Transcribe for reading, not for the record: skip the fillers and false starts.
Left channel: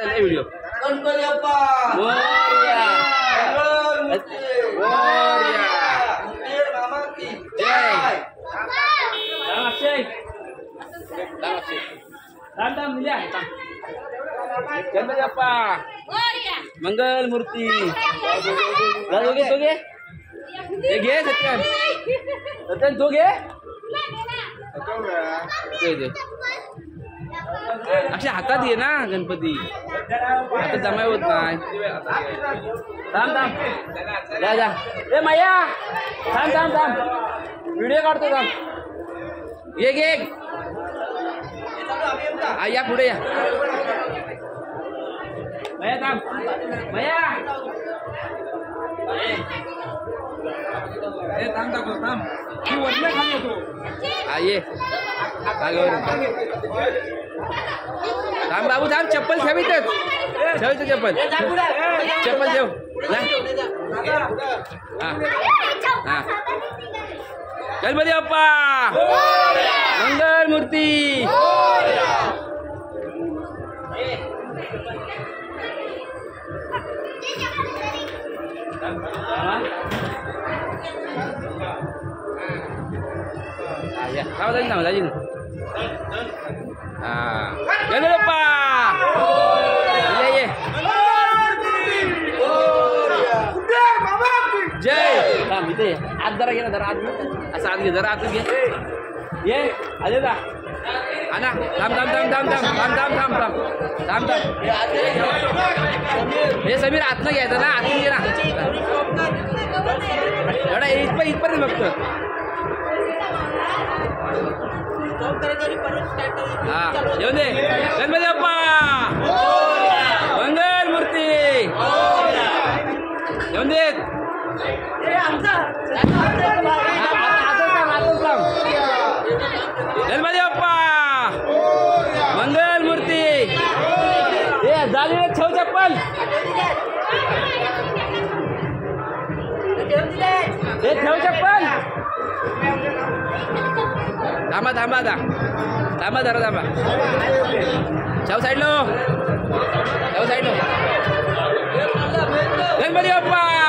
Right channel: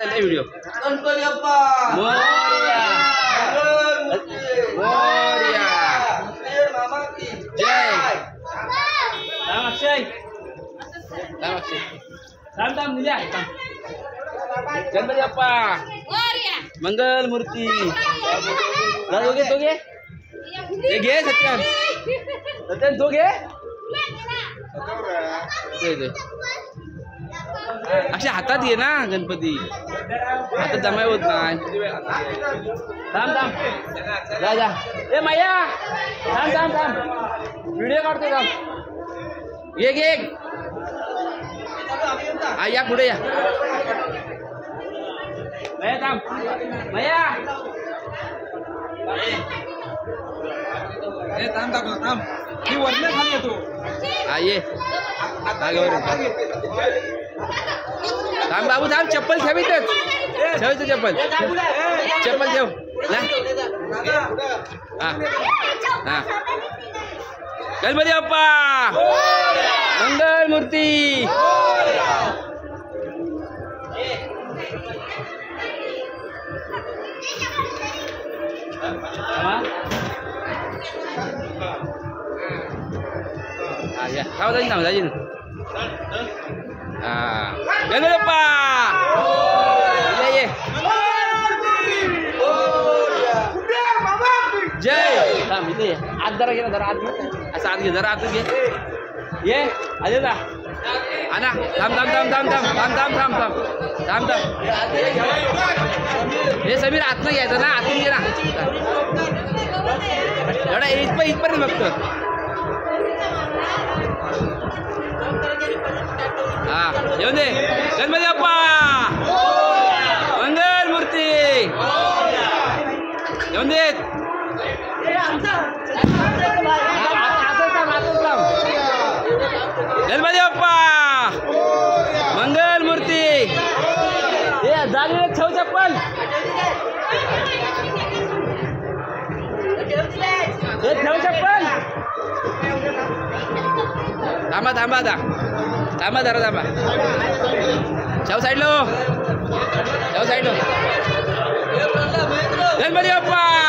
video Ganpati Bappa Morya Morya मामा की जय राम अक्षय थांब थांब निजा थांब गणपती बाप्पा मंगल मूर्ती दोघे हे घे सत्यन सत्यन तू घे अक्षय हातात घे ना गणपती हातात जमाय होत नाही थांब थांब जा जा ए मैया थांब थांब थांब व्हिडिओ काढतो थांब घे घे या पुढे या मैया थांब मैया थांब थांब ही वरने खाली येतो ये थांब बाबू थांब चप्पल ठेवीतच ठेवतो चप्पल चप्पल ठेव ना हा गणपती बाप्पा मंगल मूर्ती ya kau tadi nama lagi gimana Pak iya jai tam itu ya ada lagi ada adu asal ada adu ya ye ada dah anak tam हे समीर आतनं घ्यायचं ना आतून घे ना एवढा इथपर्यंत बघतो हा येऊन दे गणपती बाप्पा मंगल मूर्ती येऊन दे गणपती बाप्पा मंगल मूर्ती हे जागे ठेव चप्पल हे ठेव चप्पल थांबा थांबा थांबा जरा थांबा ठेव साईडलो गणपती बाप्पा